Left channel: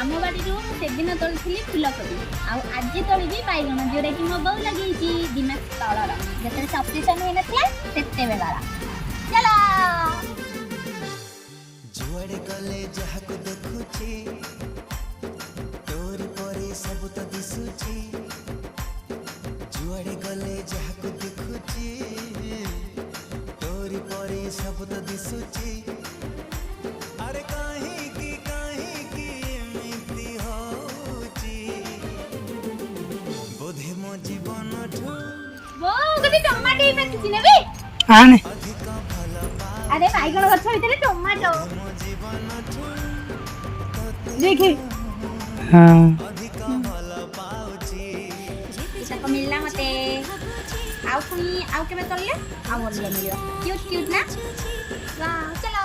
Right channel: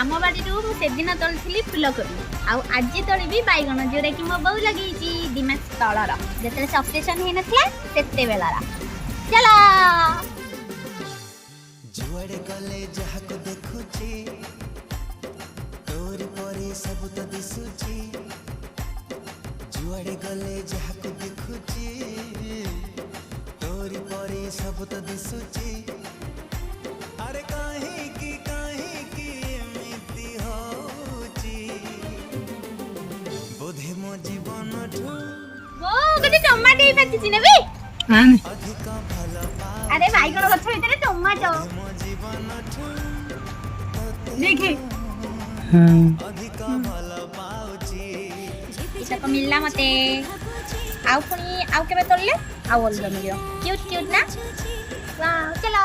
आम बाड़ी से दिन तोली फुलकोबी आज तोली बैगण जोटा कि मो बो लगे दिमाग तलर जो सप्रेसन हो नाते बेला चलो जुआड़े गले जहाको देखुची तोरी परे सब तो दिसुची जुआड़े गले जहाको देखुची तोरी परे सब तो दिसुची अरे काहे की एमिति होची बोधे मो जीवन ठू वो गटे टमाटो बेचि नेबी आने अधिक भलो अरे बैगण गछ भितर टमाटो मो जीवन ठू देखे हाँ अधिक भलो पाउची इतना मिलला मते आउ पुनी आउ केबे तोलले आउ ओलिया मिलो क्यूट क्यूट ना वाह चलो